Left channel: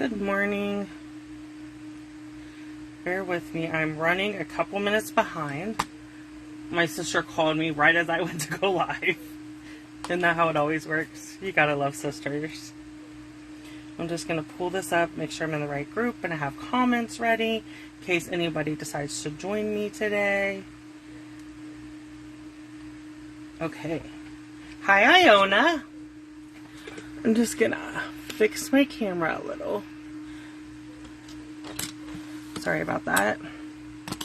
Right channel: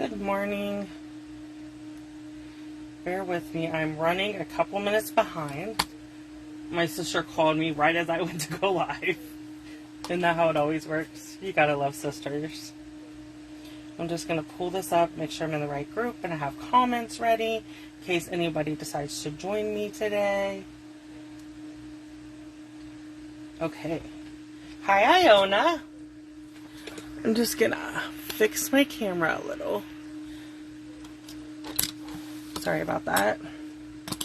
Good morning. Bear with me. I'm running a couple minutes behind. My sister called me right as I went to go live. Isn't that how it always works? You gotta love sisters. I'm just gonna pull this up, make sure I'm in the right group, and I have comments ready in case anybody decides to join me today. Okay. Hi, Iona. I'm just gonna fix my camera a little. Sorry about that. I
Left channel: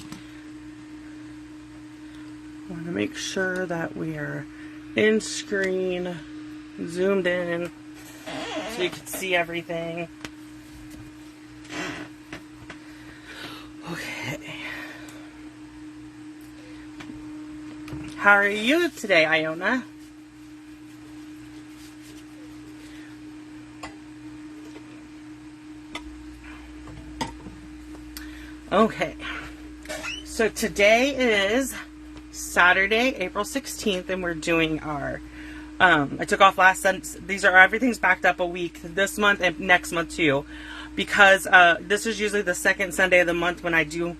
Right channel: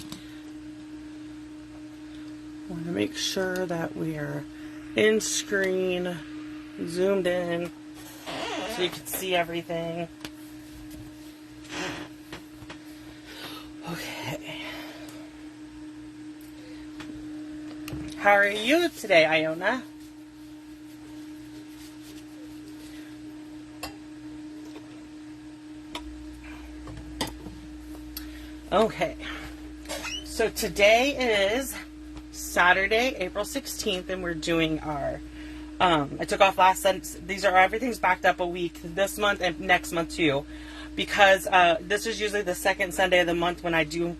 want to make sure that we are in screen, zoomed in, so you can see everything. Okay. How are you today, Iona? Okay, so today is Saturday, April 16th, and we're doing our, I took off last Sunday. Everything's backed up a week this month and next month too, because this is usually the second Sunday of the month when I do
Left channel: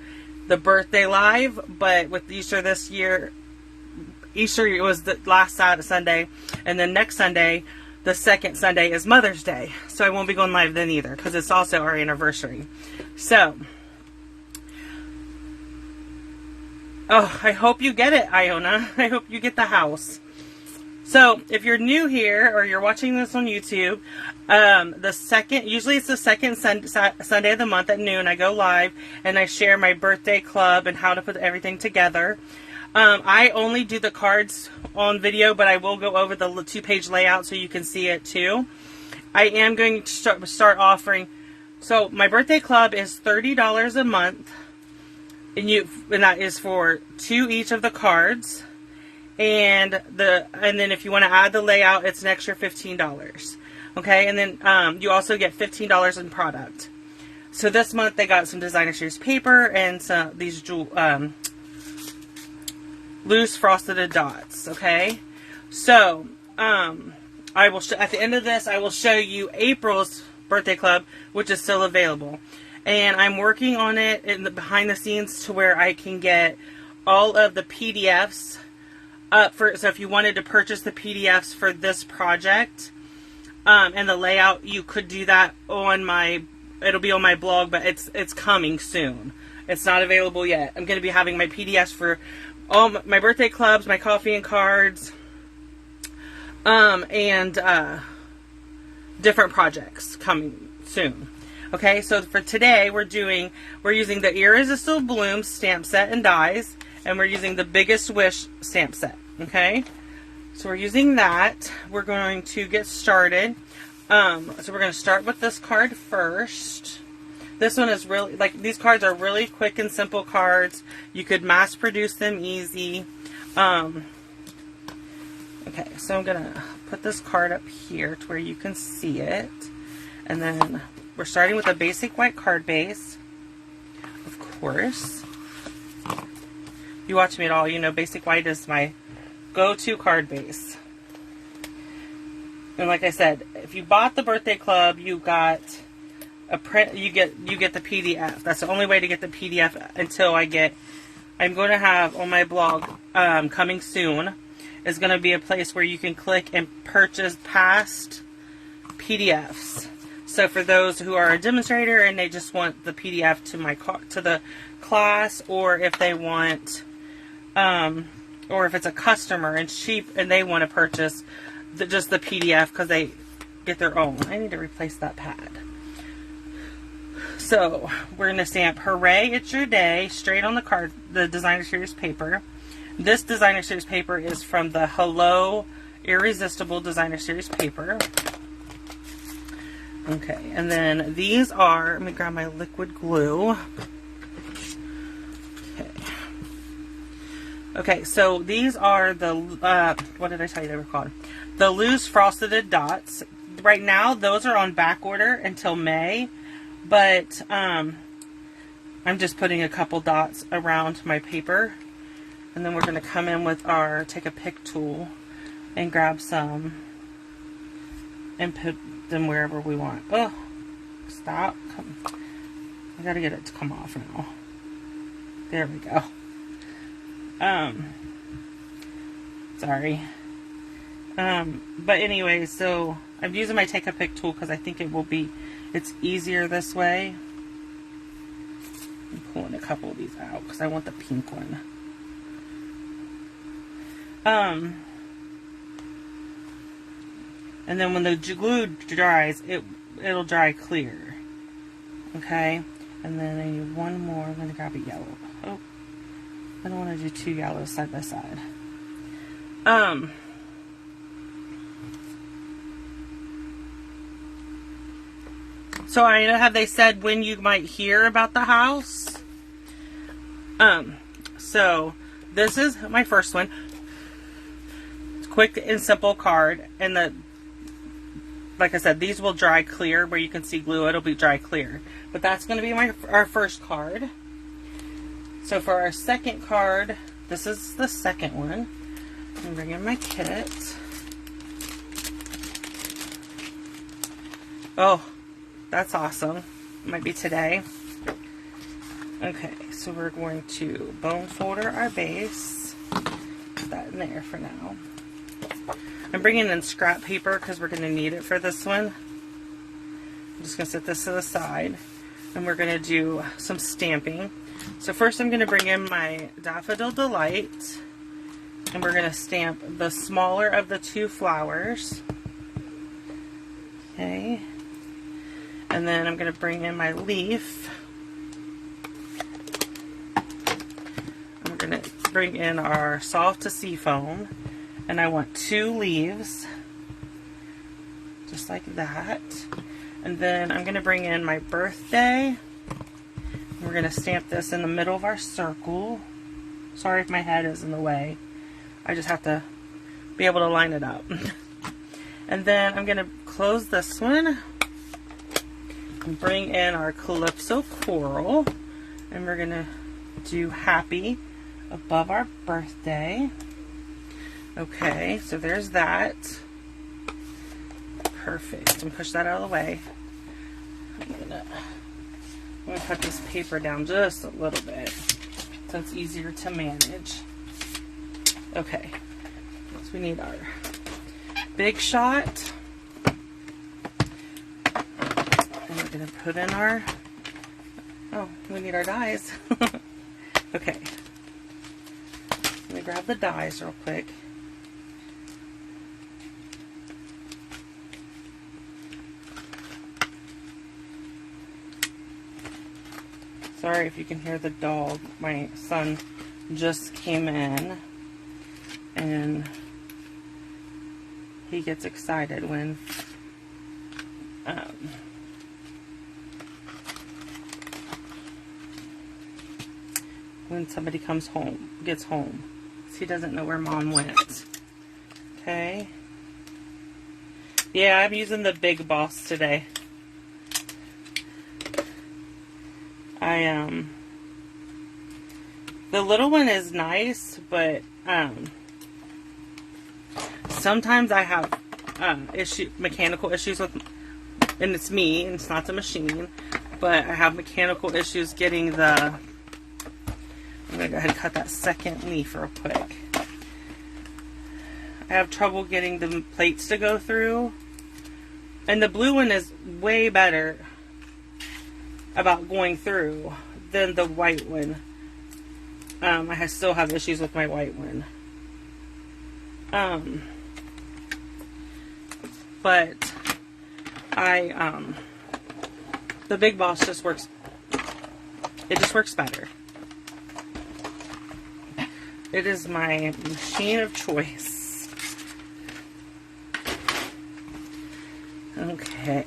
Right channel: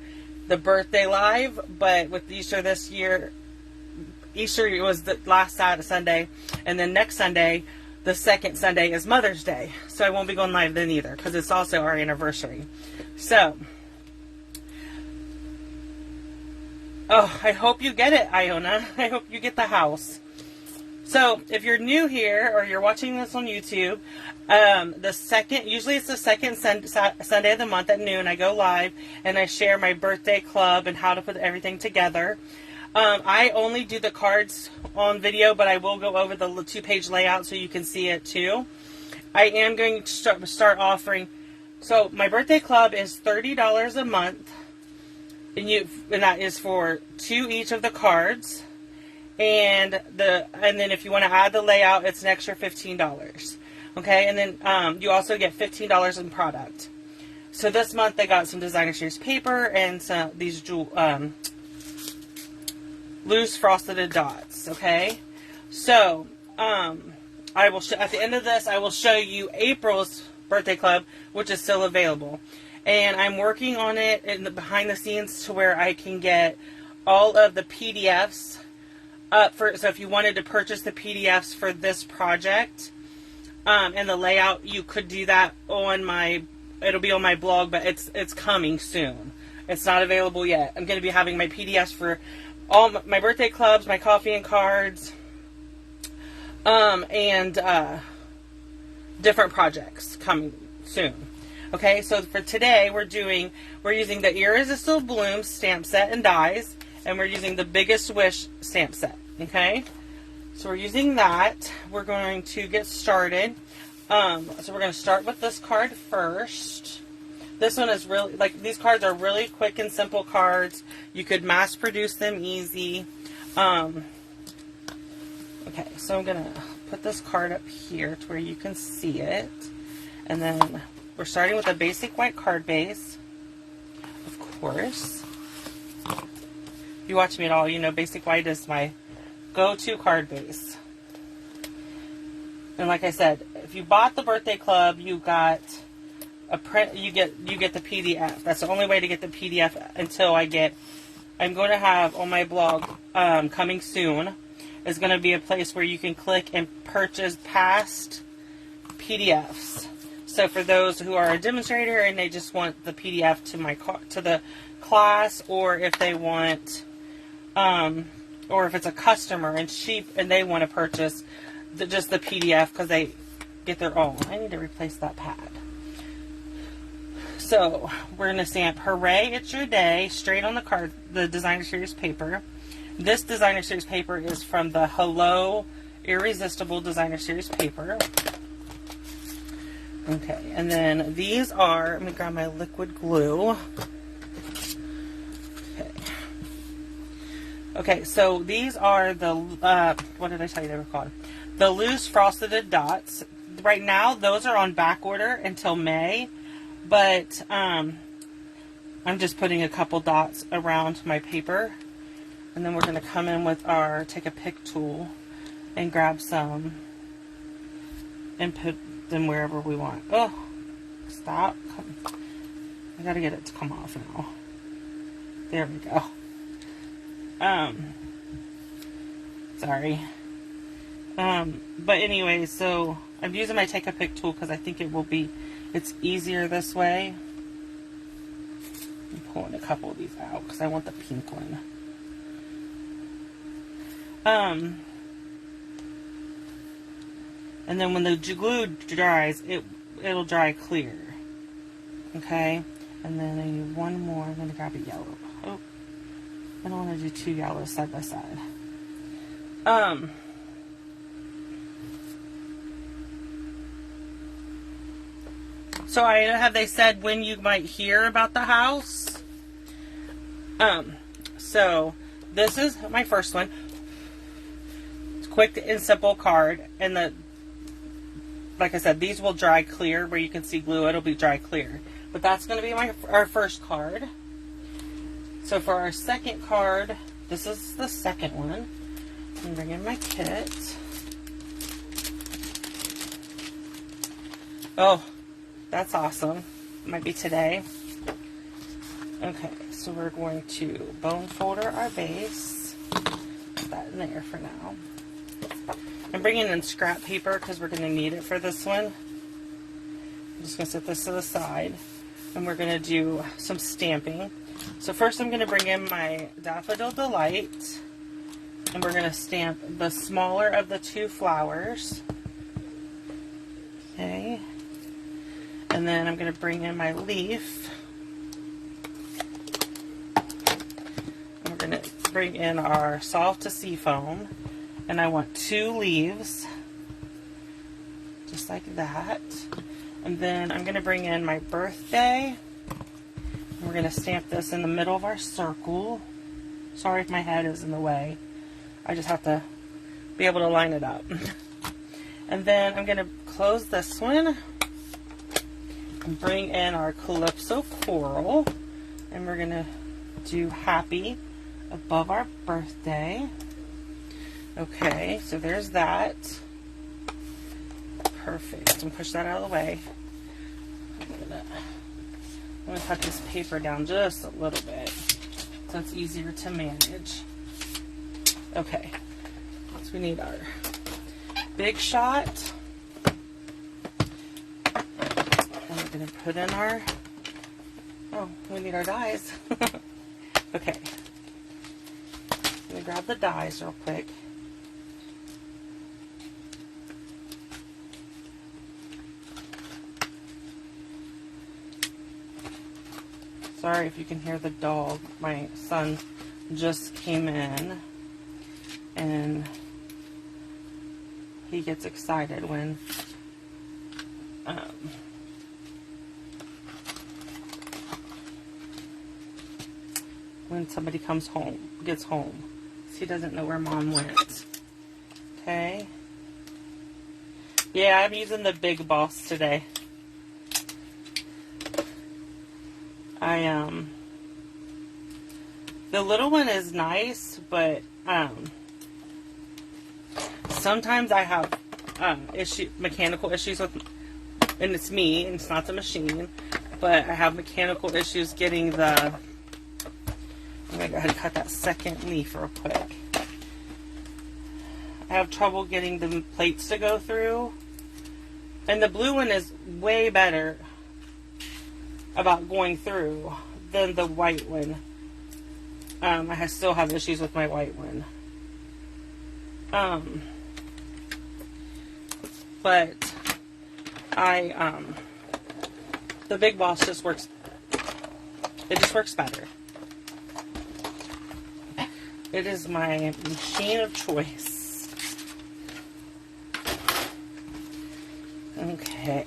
the birthday live, but with Easter this year, Easter was the last Sunday, and then next Sunday, the second Sunday is Mother's Day, so I won't be going live then either, because it's also our anniversary. So, oh, I hope you get it, Iona. I hope you get the house. So, if you're new here or you're watching this on YouTube, usually it's the second Sunday of the month at noon, I go live and I share my birthday club and how to put everything together. I only do the cards on video, but I will go over the 2-page layout so you can see it too. I am going to start offering, so my birthday club is $30 a month. And that is for 2 each of the cards, and then if you want to add the layout, it's an extra $15. Okay, and then you also get $15 in product. So this month they got some designer series paper and these loose frosted dots. Okay, so I will at the end of this I will show you April's birthday club, which is still available. And I'm working on it in the behind the scenes to where I can get all of the PDFs up so if you wanted to purchase the PDFs for this project and the layout, you could do that it'll be on my blog, but it's coming soon. It's not available yet. I'm going to be having my PDFs for all my birthday clubs, my coffee and cards, and different projects coming soon. Okay, so for today, we're using the Irresistible Bloom stamp set and dies, and we're using the Biggest Wish stamp set, okay? So we're using that. We're going to get started. So we're going to start with this card first. This one is really, these cards are really quick and simple cards. You could mass produce them easy. Okay, so I'm going to put this card up here to where you can see it. And then we're starting with a basic white card base, of course. If you watch me at all, you know basic white is my go-to card base. And like I said, if you bought the birthday club, you got a print. You get the PDF. That's the only way to get the PDF until I'm going to have on my blog coming soon. Is going to be a place where you can click and purchase past PDFs. So for those who are a demonstrator and they just want the PDF to the class, or if they want, or if it's a customer and they want to purchase just the PDF because they get their own. I need to replace that pad. So we're going to stamp "Hooray, It's Your Day" straight on the card, the designer series paper. This designer series paper is from the Hello Irresistible designer series paper. Okay, and then these are, let me grab my liquid glue. Okay, so these are the, what did I tell you they were called? The loose frosted dots. Right now, those are on back order until May, but I'm just putting a couple dots around my paper. And then we're going to come in with take a pick tool and grab some and put them wherever we want. Oh, Stop. Come. I gotta get it to come off now. There we go. Sorry. But anyway, so I'm using my Take a Pic tool because I think it's easier this way. I'm pulling a couple of these out because I want the pink one. And then when the glue dries, it'll dry clear. Okay? And then I need one more. I'm going to grab a yellow. Oh, I don't want to do two yellows side by side. So I know how they said when you might hear about the house. So this is my first one. It's quick and simple card, and like I said, these will dry clear where you can see glue. It'll be dry clear, but that's going to be our first card. So for our second card, this is the second one. I'm bringing my kit. Oh, that's awesome. Might be today. Okay, so we're going to bone folder our base. Put that in there for now. I'm bringing in scrap paper because we're going to need it for this one. I'm just going to set this to the side, and we're going to do some stamping. So first I'm going to bring in my Daffodil Delight, and we're going to stamp the smaller of the two flowers. Okay. And then I'm going to bring in my leaf. And we're going to bring in our Solve to Seafoam. And I want 2 leaves. Just like that. And then I'm going to bring in my birthday. We're going to stamp this in the middle of our circle. Sorry if my head is in the way. I just have to be able to line it up. And then I'm going to close this one. And bring in our Calypso Coral, and we're going to do happy above our birthday. Okay, so there's that. Perfect. And push that out of the way. I'm going to cut this paper down just a little bit so it's easier to manage. Okay, so we need our Big Shot. We're going to put in our, we need our dies. Okay. Let me grab the dies real quick. Sorry if you can hear the dog. My son just came in, and he gets excited when somebody gets home. So he doesn't know where Mom went. Okay. Yeah, I'm using the Big Boss today. The little one is nice, but sometimes I have mechanical issues with, and it's me, and it's not the machine, but I have mechanical issues getting the. I'm going to go ahead and cut that second leaf real quick. I have trouble getting the plates to go through. And the blue one is way better about going through than the white one. I still have issues with my white one. But the Big Boss just works, it just works better. It is my machine of choice. Okay.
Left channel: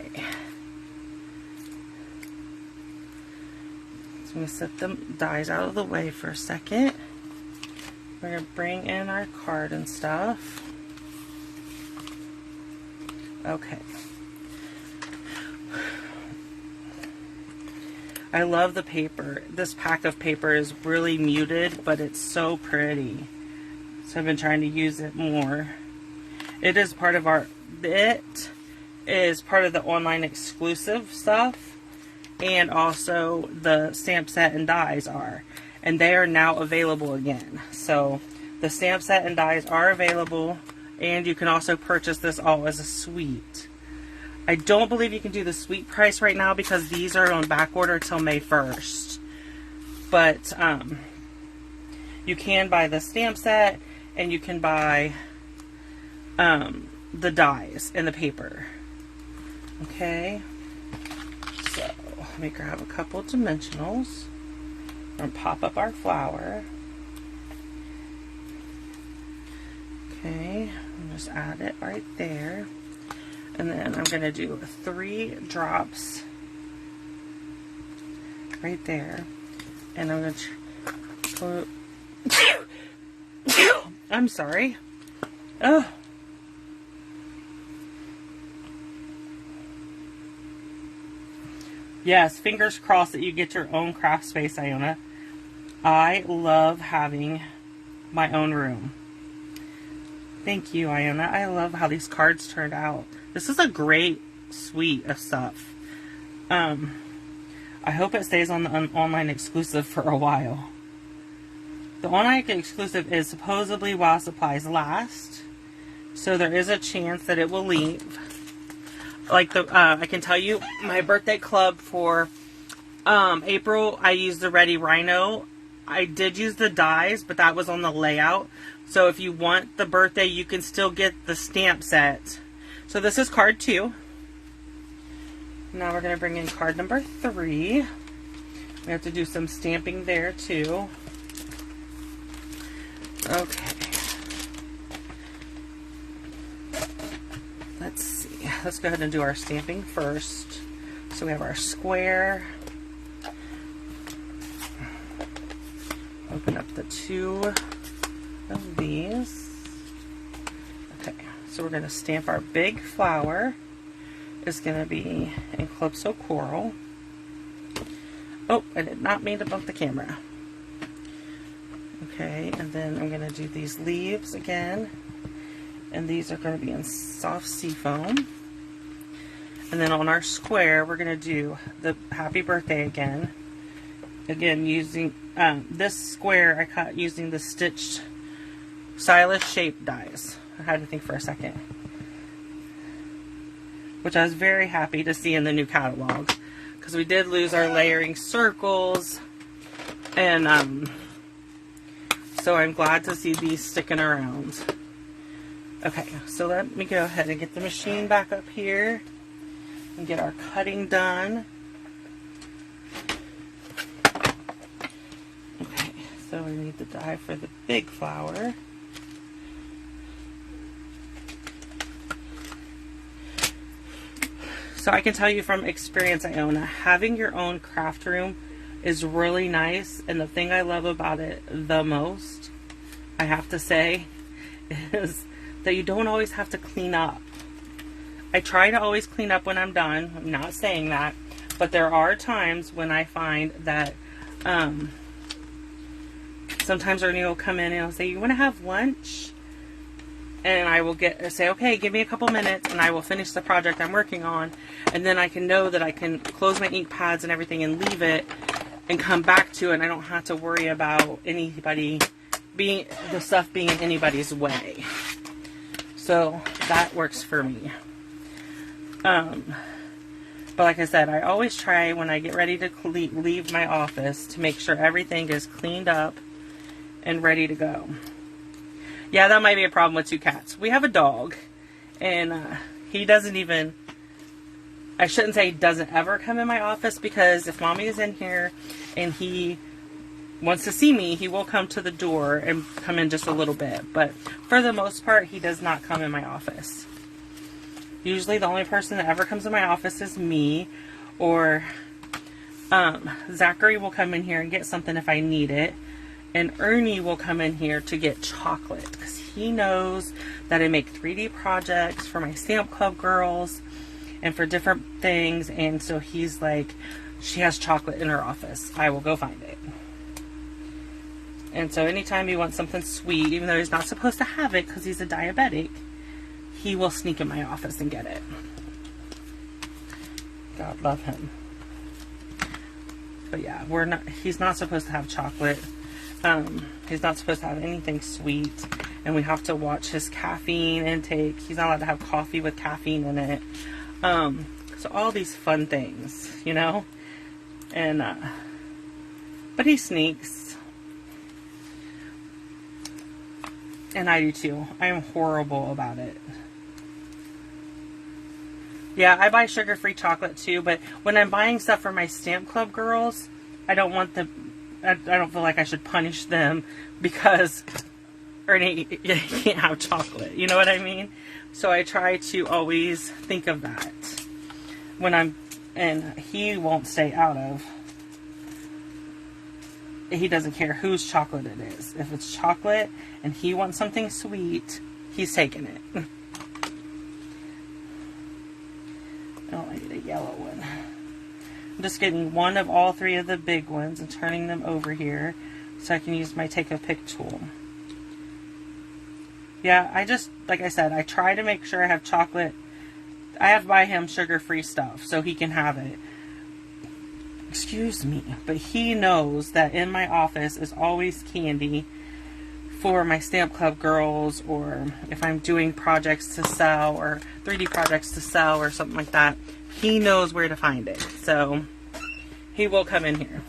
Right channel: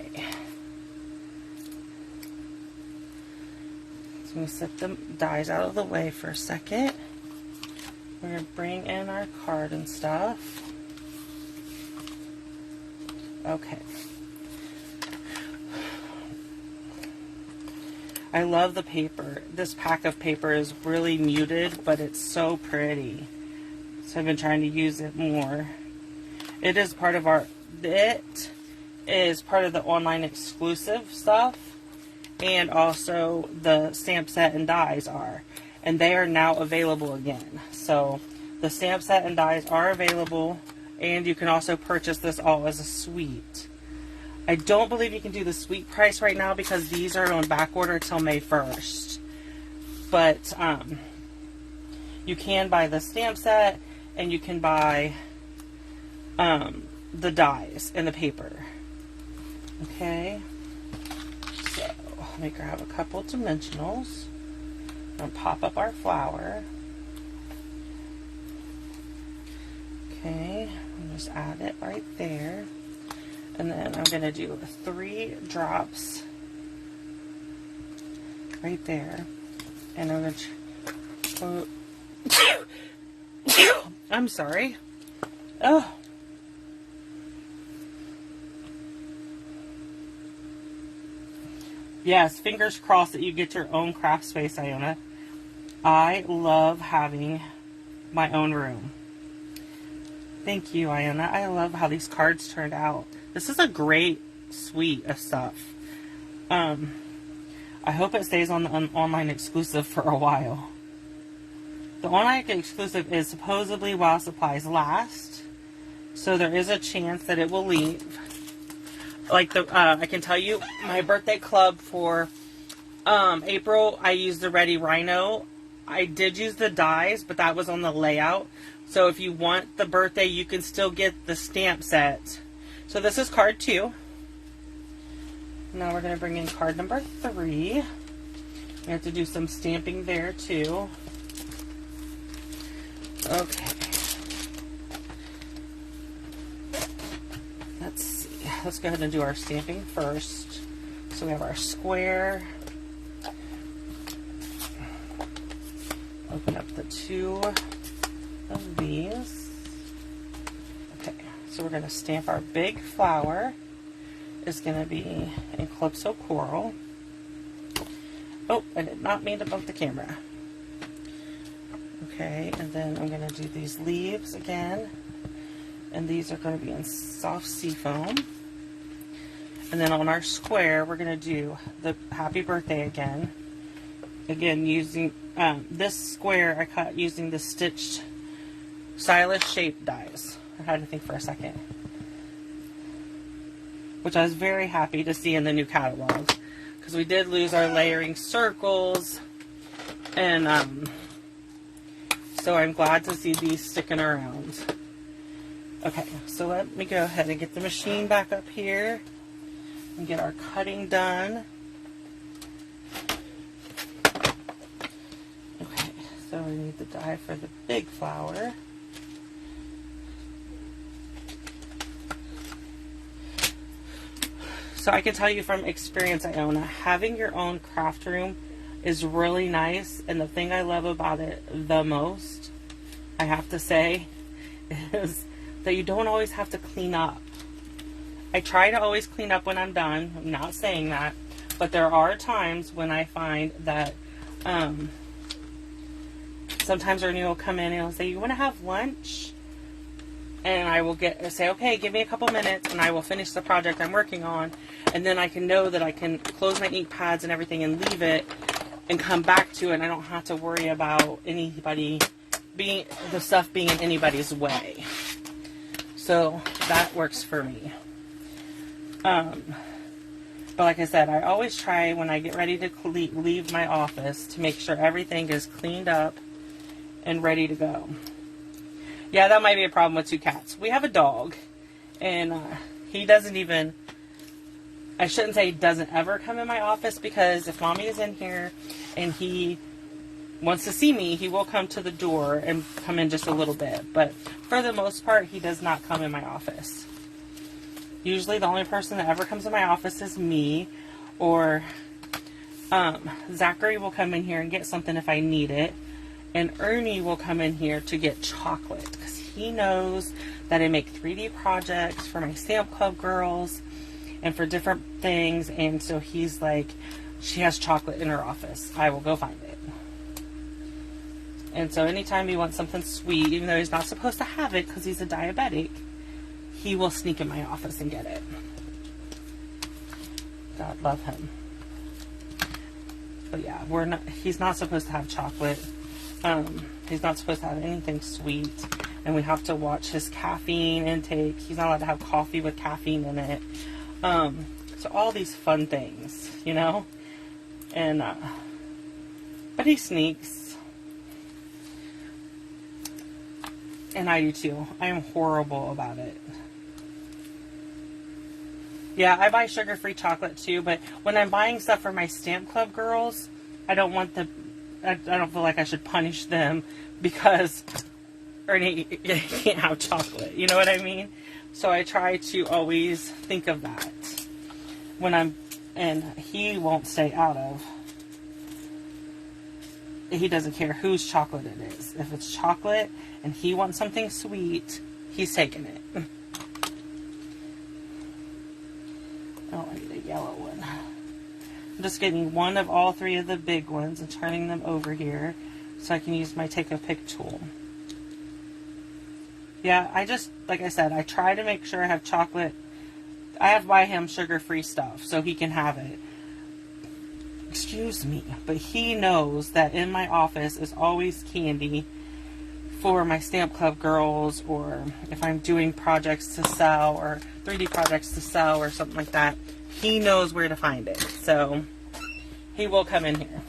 So I'm going to set the dies out of the way for a second. We're going to bring in our card and stuff. Okay. I love the paper. This pack of paper is really muted, but it's so pretty. So I've been trying to use it more. It is part of the online exclusive stuff. and also the stamp set and dies are. And they are now available again. So the stamp set and dies are available, and you can also purchase this all as a suite. I don't believe you can do the suite price right now because these are on back order till May 1st. But you can buy the stamp set, and you can buy the dies and the paper. Okay, so let me grab a couple dimensionals and pop up our flower. Okay, I'll just add it right there. And then I'm going to do 3 drops right there. And I'm going to... I'm sorry. Oh. Yes, fingers crossed that you get your own craft space, Iona. I love having my own room. Thank you, Iona. I love how these cards turned out. This is a great suite of stuff. I hope it stays on the online exclusive for a while. The online exclusive is supposedly while supplies last, so there is a chance that it will leave. Like I can tell you, my birthday club for April, I used the Ready Rhino. I did use the dies, but that was on the layout. So if you want the birthday, you can still get the stamp set. So this is card 2. Now we're going to bring in card number 3. We have to do some stamping there too. Okay. Let's see. Let's go ahead and do our stamping first. So we have our square. Open up the 2 of these. Okay. So we're going to stamp our big flower. It's going to be in Calypso Coral. Oh, I did not mean to bump the camera. Okay, and then I'm going to do these leaves again. And these are going to be in soft seafoam. And then on our square, we're going to do the happy birthday again. Again, using this square, I cut using the stitched stylish shape dies. I had to think for a second. Which I was very happy to see in the new catalog. Because we did lose our layering circles. And so I'm glad to see these sticking around. Okay, so let me go ahead and get the machine back up here. And get our cutting done. Okay, so we need the die for the big flower. So I can tell you from experience, Iona, having your own craft room is really nice. And the thing I love about it the most, I have to say, is that you don't always have to clean up. I try to always clean up when I'm done. I'm not saying that. But there are times when I find that sometimes Ernie will come in and he'll say, "You want to have lunch?" And I will say, "Okay, give me a couple minutes," and I will finish the project I'm working on. And then I can know that I can close my ink pads and everything and leave it and come back to it. And I don't have to worry about the stuff being in anybody's way. So that works for me. But like I said, I always try when I get ready to leave my office to make sure everything is cleaned up and ready to go. Yeah, that might be a problem with 2 cats. We have a dog, and he doesn't even, I shouldn't say he doesn't ever come in my office, because if Mommy is in here and he wants to see me, he will come to the door and come in just a little bit. But for the most part, he does not come in my office. Usually the only person that ever comes in my office is me, or Zachary will come in here and get something if I need it. And Ernie will come in here to get chocolate, because he knows that I make 3D projects for my Stamp Club girls and for different things. And so he's like, she has chocolate in her office. I will go find it. And so anytime he wants something sweet, even though he's not supposed to have it because he's a diabetic, he will sneak in my office and get it. God love him. But yeah, he's not supposed to have chocolate. He's not supposed to have anything sweet. And we have to watch his caffeine intake. He's not allowed to have coffee with caffeine in it. So all these fun things, you know? And, but he sneaks. And I do too. I am horrible about it. Yeah, I buy sugar-free chocolate too, but when I'm buying stuff for my Stamp Club girls, I don't feel like I should punish them because Ernie can't have chocolate. You know what I mean? So I try to always think of that and he won't stay out of. He doesn't care whose chocolate it is. If it's chocolate and he wants something sweet, he's taking it. Oh, I get a yellow one. I'm just getting one of all three of the big ones and turning them over here so I can use my take a pick tool. Yeah, like I said, I try to make sure I have chocolate. I have to buy him sugar-free stuff so he can have it. Excuse me, but he knows that in my office is always candy for my Stamp Club girls, or if I'm doing projects to sell or 3D projects to sell or something like that. He knows where to find it, so he will come in here.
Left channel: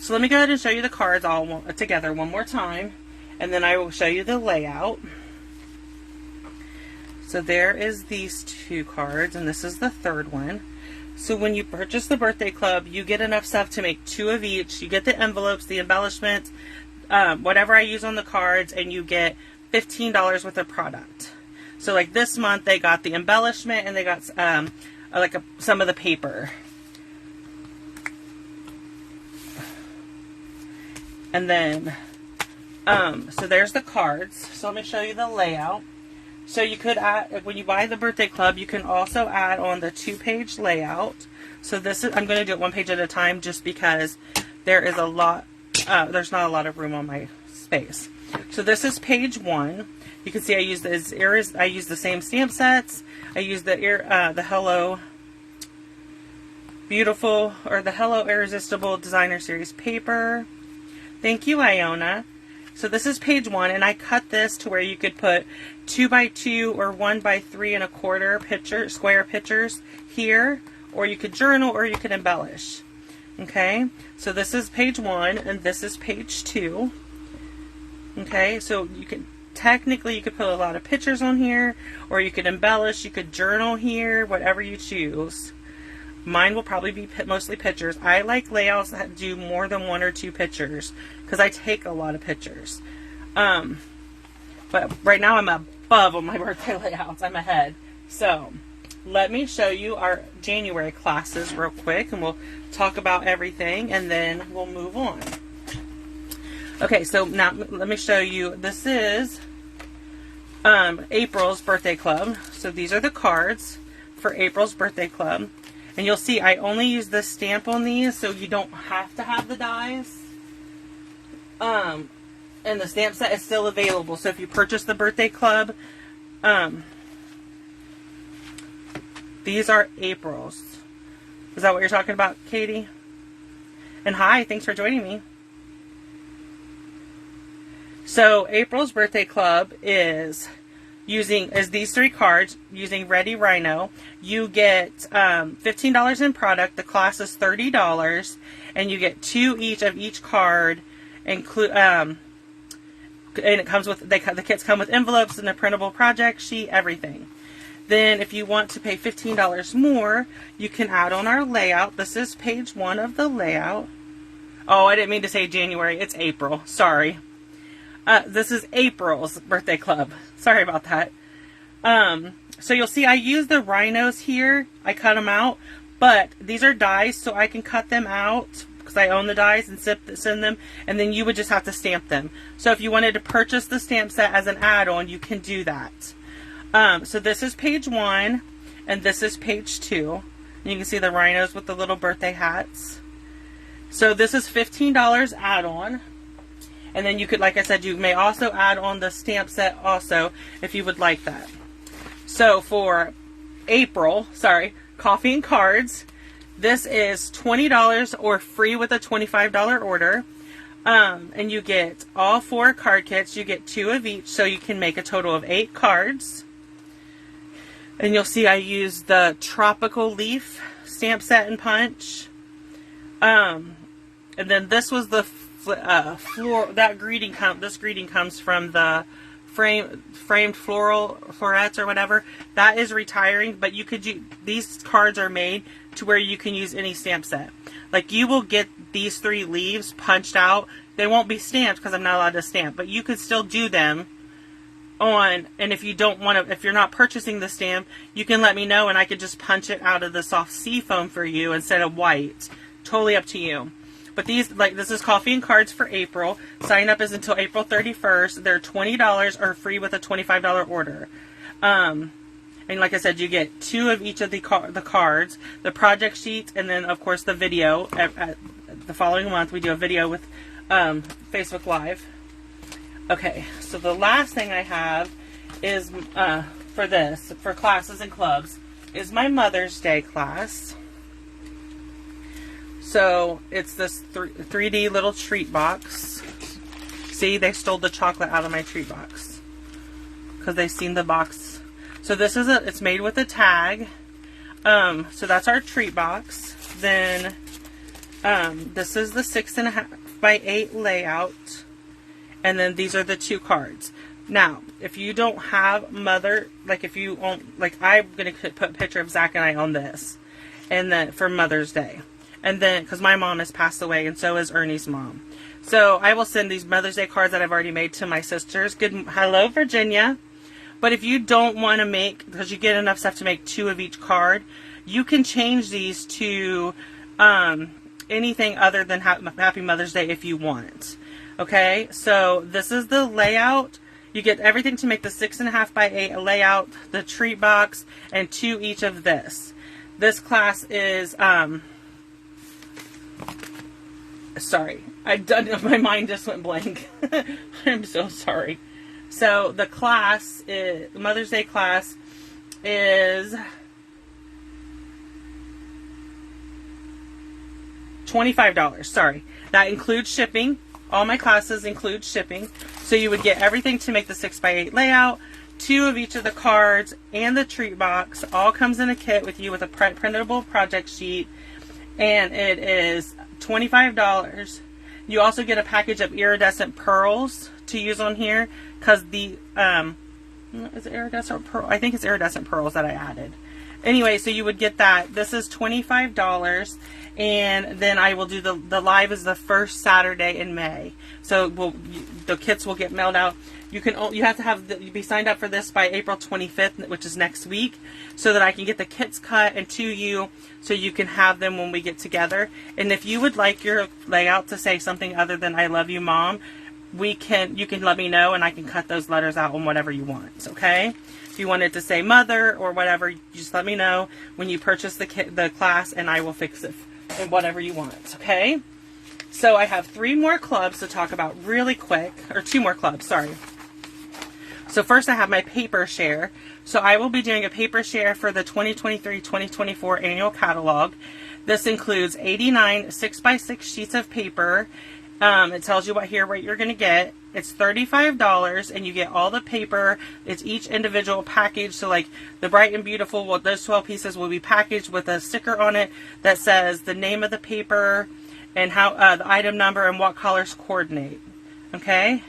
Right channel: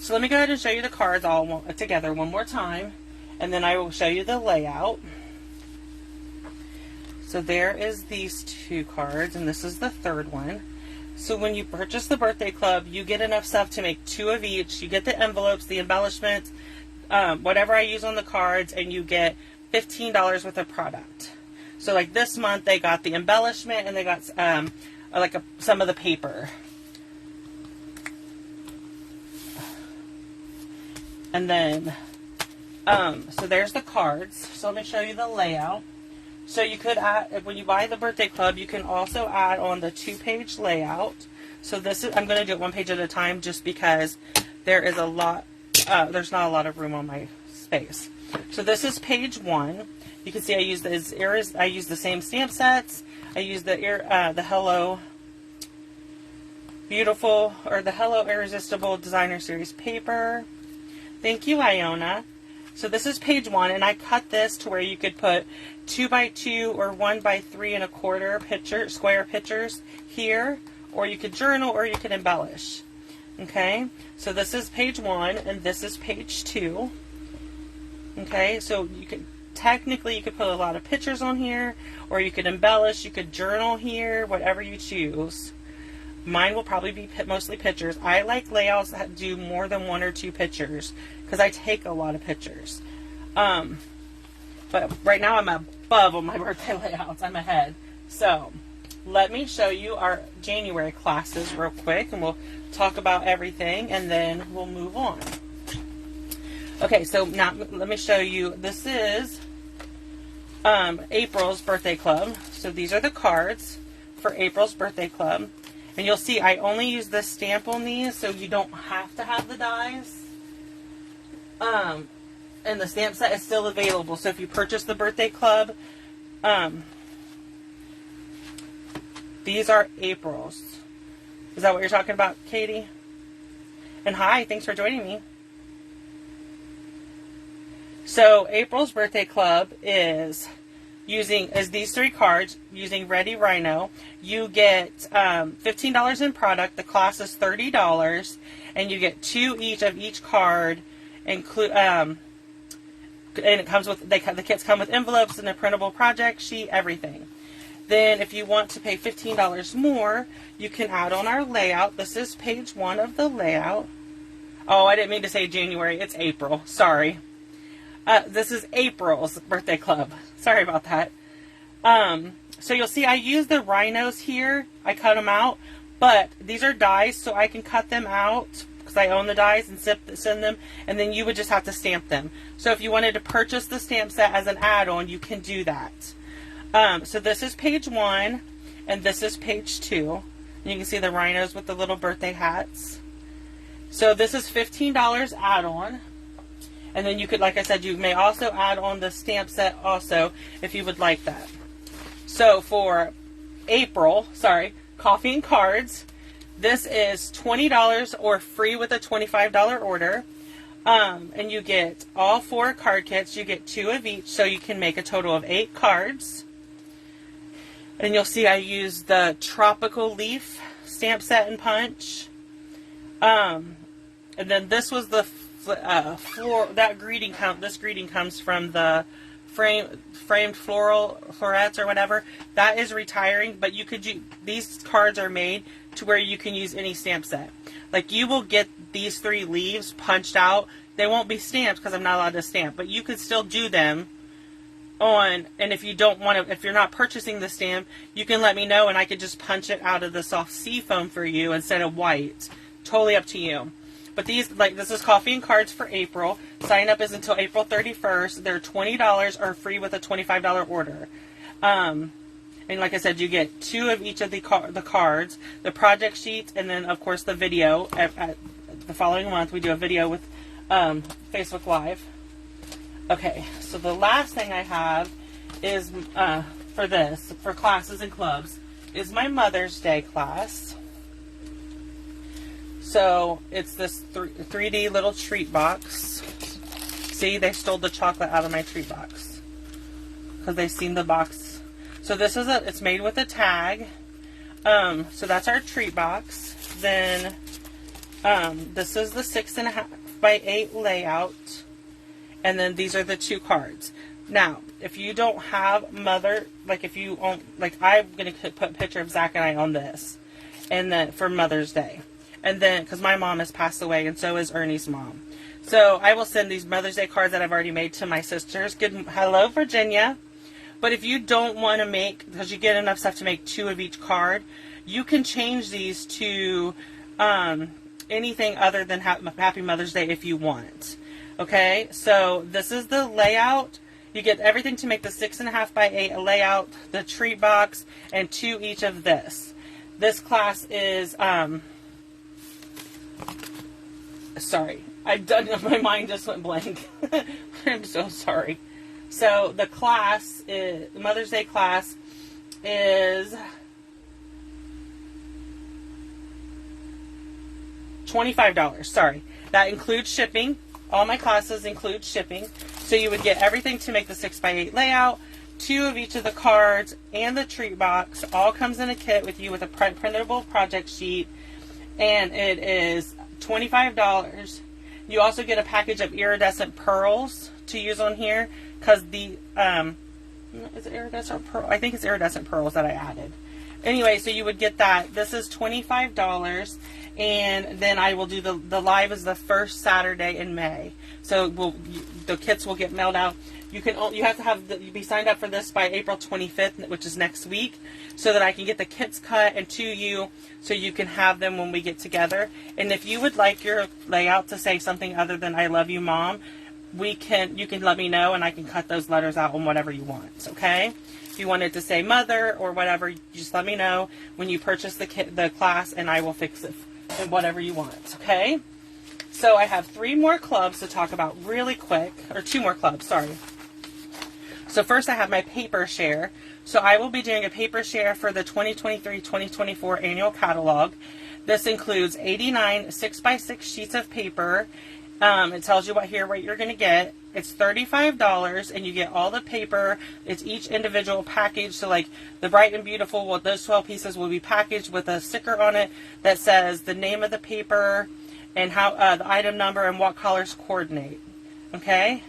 So let me go ahead and show you the cards all together one more time, and then I will show you the layout. So there is these two cards, and this is the third one. So when you purchase the birthday club, you get enough stuff to make 2 of each. You get the envelopes, the embellishments, whatever I use on the cards, and you get $15 worth of product. So like this month, they got the embellishment, and they got some of the paper. And then, so there's the cards. So let me show you the layout. So you could add, when you buy the birthday club, you can also add on the 2-page layout. So this is, I'm going to do it 1 page at a time just because there is a lot, there's not a lot of room on my space. So this is page 1. You can see I use the same stamp sets. I use the Hello Beautiful, or the Hello Irresistible Designer Series paper. Thank you, Iona. So this is page 1, and I cut this to where you could put 2x2 or 1x3 square pictures here, or you could journal, or you could embellish. Okay, so this is page 1, and this is page 2. Okay, so you could technically put a lot of pictures on here, or you could embellish, you could journal here, whatever you choose. Mine will probably be mostly pictures. I like layouts that do more than 1 or 2 pictures because I take a lot of pictures. But right now I'm above on my birthday layouts. I'm ahead. So let me show you our January classes real quick, and we'll talk about everything, and then we'll move on. Okay, so now let me show you. This is April's birthday club. So these are the cards for April's birthday club. And you'll see I only use the stamp on these, so you don't have to have the dies. And the stamp set is still available. So if you purchase the birthday club, these are April's. Is that what you're talking about, Katie? And hi, thanks for joining me. So April's birthday club is these 3 cards using Ready Rhino. You get $15 in product. The class is $30, and you get 2 each of each card. And it comes with the kits come with envelopes and a printable project sheet, everything. Then, if you want to pay $15 more, you can add on our layout. This is page 1 of the layout. Oh, I didn't mean to say January. It's April. Sorry. This is April's birthday club. Sorry about that. So you'll see I use the rhinos here. I cut them out, but these are dies, so I can cut them out because I own the dies and send them, and then you would just have to stamp them. So if you wanted to purchase the stamp set as an add-on, you can do that. So this is page 1, and this is page 2. And you can see the rhinos with the little birthday hats. So this is $15 add-on. And then you could, like I said, you may also add on the stamp set also if you would like that. So for April, Coffee and Cards, This is $20 or free with a $25 order. And you get all 4 card kits. You get 2 of each, so you can make a total of 8 cards. And you'll see I used the Tropical Leaf stamp set and punch. And then this was the that greeting. This greeting comes from the framed florets or whatever. That is retiring, but you could do, these cards are made to where you can use any stamp set. Like, you will get these 3 leaves punched out. They won't be stamped because I'm not allowed to stamp, but you could still do them on. And if you don't want to, if you're not purchasing the stamp, you can let me know and I could just punch it out of the soft sea foam for you instead of white. Totally up to you. But these, like, this is Coffee and Cards for April. Sign up is until April 31st. They're $20 or free with a $25 order. And like I said, you get 2 of each of the cards, the project sheets, and then, of course, the video. The following month, we do a video with Facebook Live. Okay, so the last thing I have is, for classes and clubs, is my Mother's Day class. So, it's this 3D little treat box. See, they stole the chocolate out of my treat box because they've seen the box. So this is it's made with a tag. So that's our treat box. Then this is the 6.5 by 8 layout. And then these are the 2 cards. Now, if you don't have mother, like if you own, like I'm going to put a picture of Zach and I on this. And then for Mother's Day. And then, because my mom has passed away and so is Ernie's mom. So I will send these Mother's Day cards that I've already made to my sisters. Hello, Virginia. But if you don't want to make, because you get enough stuff to make 2 of each card, you can change these to anything other than Happy Mother's Day if you want. Okay, so this is the layout. You get everything to make the 6.5 by 8 layout, the treat box, and 2 each of this. This class is, sorry, my mind just went blank. I'm so sorry. So the class, Mother's Day class, is $25. Sorry. That includes shipping. All my classes include shipping. So you would get everything to make the 6 by 8 layout, 2 of each of the cards, and the treat box. All comes in a kit with you with a printable project sheet. And it is $25. You also get a package of iridescent pearls to use on here. Because the, is it iridescent pearl? I think it's iridescent pearls that I added. Anyway, so you would get that. This is $25. And then I will do the live is the first Saturday in May. So the kits will get mailed out. You have to be signed up for this by April 25th, which is next week, so that I can get the kits cut and to you, so you can have them when we get together. And if you would like your layout to say something other than "I love you, Mom," you can let me know and I can cut those letters out on whatever you want. Okay? If you want it to say "Mother" or whatever, just let me know when you purchase the class, and I will fix it and whatever you want. Okay? So I have 3 more clubs to talk about really quick, or 2 more clubs. Sorry. So first I have my paper share. So I will be doing a paper share for the 2023-2024 annual catalog. This includes 89 6x6 sheets of paper. It tells you what you're going to get. It's $35 and you get all the paper. It's each individual package. So like the Bright and Beautiful, those 12 pieces will be packaged with a sticker on it that says the name of the paper and how the item number and what colors coordinate. Okay?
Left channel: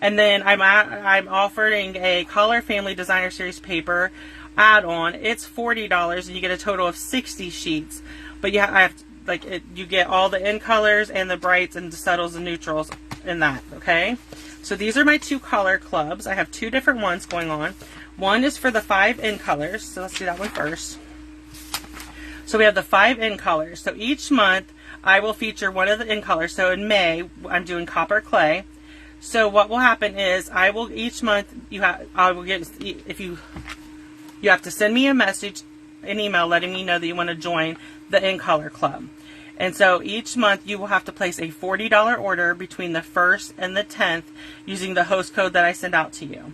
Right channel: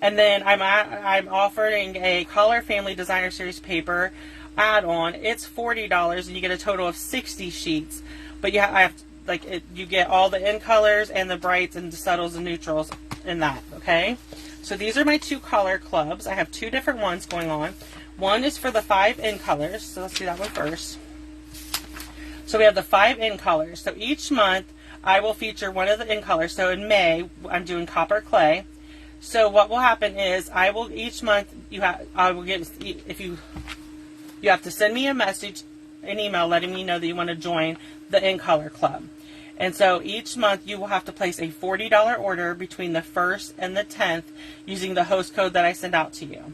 And then I'm offering a Color Family Designer Series paper add-on. It's $40 and you get a total of 60 sheets. But you get all the in colors and the brights and the subtles and neutrals in that. Okay? So these are my 2 color clubs. I have 2 different ones going on. One is for the 5 in colors. So let's do that one first. So we have the 5 in colors. So each month I will feature one of the in colors. So in May I'm doing Copper Clay. So what will happen is each month you have to send me a message, an email letting me know that you want to join the In Color Club. And so each month you will have to place a $40 order between the 1st and the 10th using the host code that I send out to you.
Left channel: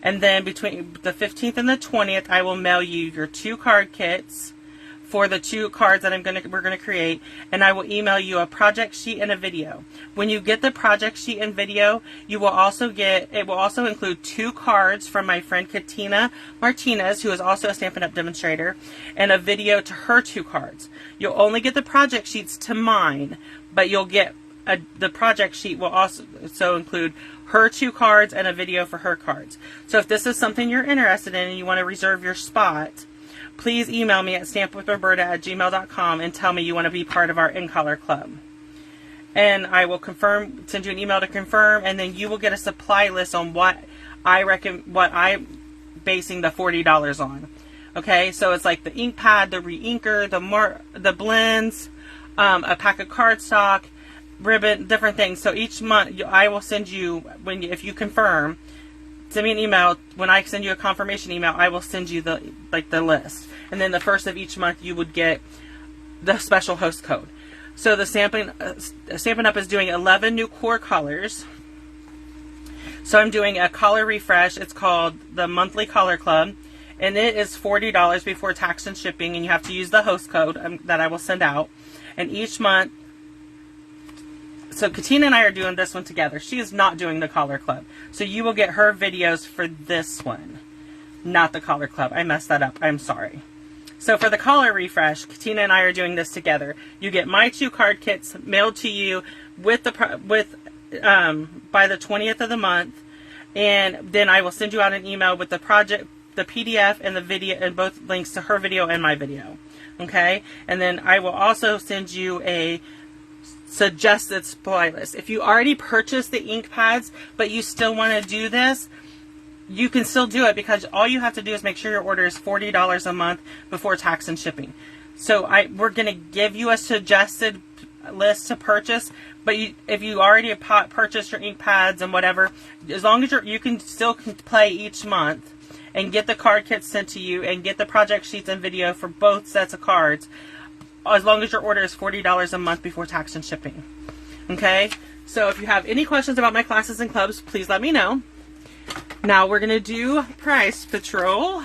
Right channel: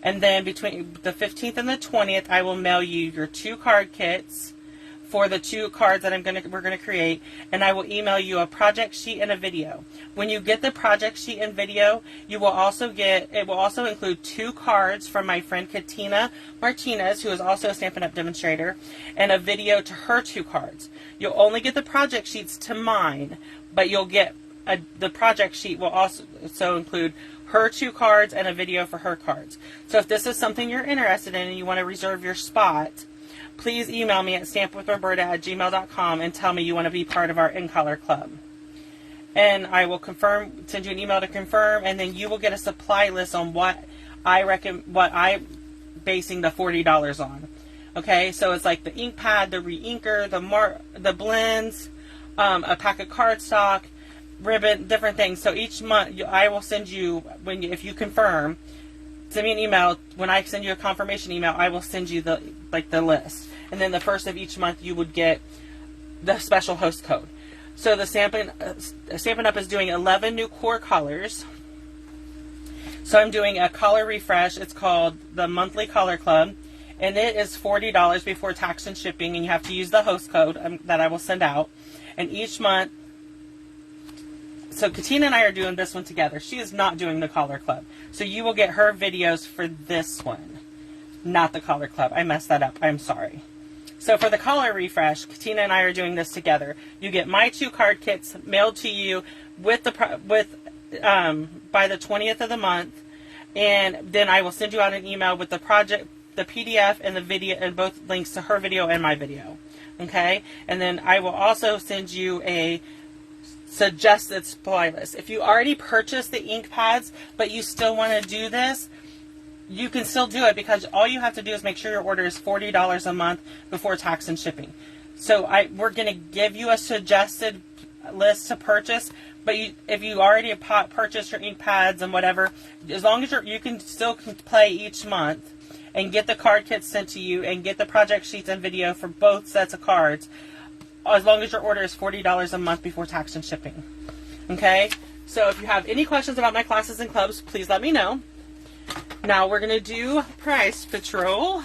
And then between the 15th and the 20th I will mail you your 2 card kits for the 2 cards that we're gonna create, and I will email you a project sheet and a video. When you get the project sheet and video, you will also it will also include 2 cards from my friend Katina Martinez, who is also a Stampin' Up! Demonstrator, and a video to her 2 cards. You'll only get the project sheets to mine, but you'll get the project sheet will also include her 2 cards and a video for her cards. So if this is something you're interested in and you want to reserve your spot, please email me at stampwithroberta@gmail.com and tell me you want to be part of our In-Color Club. And I will send you an email to confirm, and then you will get a supply list on what I'm basing the $40 on. Okay, so it's like the ink pad, the re-inker, the blends, a pack of cardstock, ribbon, different things. So each month I will send you, if you confirm, send me an email. When I send you a confirmation email, I will send you the list. And then the first of each month you would get the special host code. So the Stampin' Up! Is doing 11 new core colors. So I'm doing a color refresh. It's called the Monthly Color Club. And it is $40 before tax and shipping. And you have to use the host code that I will send out. And each month, so Katina and I are doing this one together. She is not doing the Color Club. So you will get her videos for this one, not the Color Club. I messed that up. I'm sorry. So for the color refresh, Katina and I are doing this together. You get my 2 card kits mailed to you by the 20th of the month, and then I will send you out an email with the project, the PDF, and the video, and both links to her video and my video. Okay, and then I will also send you a suggested supply list. If you already purchased the ink pads, but you still want to do this, you can still do it, because all you have to do is make sure your order is $40 a month before tax and shipping. So we're going to give you a suggested list to purchase, but if you already purchased your ink pads and whatever, as long as you can still play each month and get the card kits sent to you and get the project sheets and video for both sets of cards, as long as your order is $40 a month before tax and shipping. Okay? So if you have any questions about my classes and clubs, please let me know. Now we're going to do Price Patrol.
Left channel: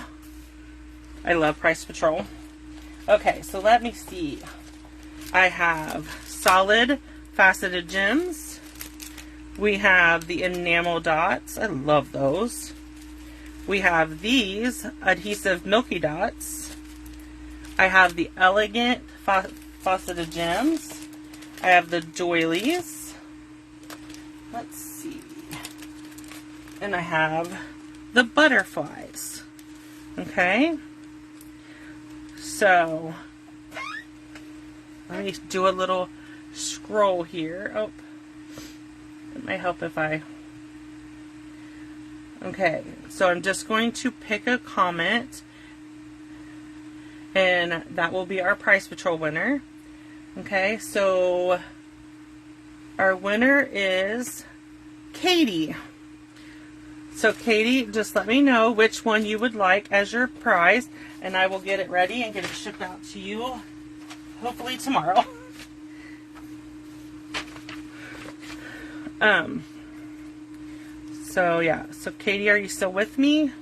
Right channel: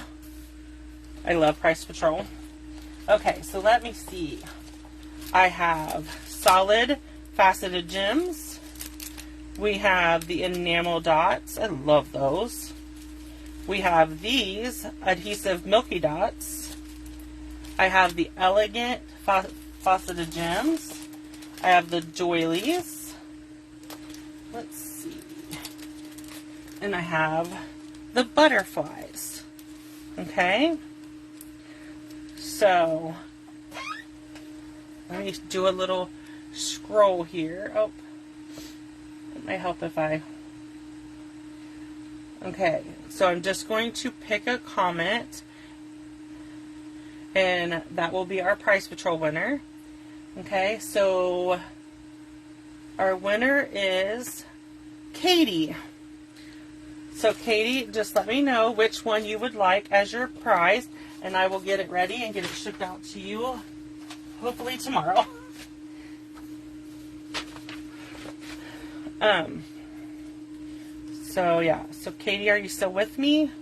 I love Price Patrol. Okay, so let me see. I have solid faceted gems. We have the enamel dots. I love those. We have these adhesive milky dots. I have the elegant faceted gems. I have the doilies. Let's see. And I have the butterflies. Okay. So let me do a little scroll here. Oh, it might help if I... Okay, so I'm just going to pick a comment, and that will be our Price Patrol winner. Okay, so our winner is Katie. So Katie, just let me know which one you would like as your prize, and I will get it ready and get it shipped out to you hopefully tomorrow. So yeah, so Katie, are you still with me?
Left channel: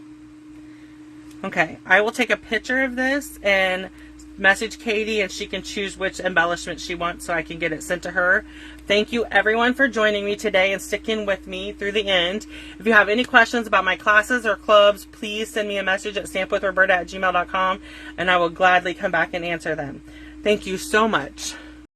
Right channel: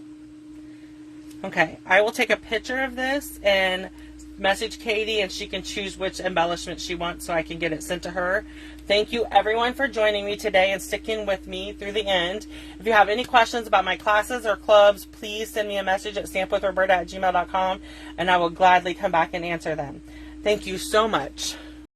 Okay, I will take a picture of this and message Katie, and she can choose which embellishment she wants so I can get it sent to her. Thank you everyone for joining me today and sticking with me through the end. If you have any questions about my classes or clubs, please send me a message at stampwithroberta@gmail.com, and I will gladly come back and answer them. Thank you so much.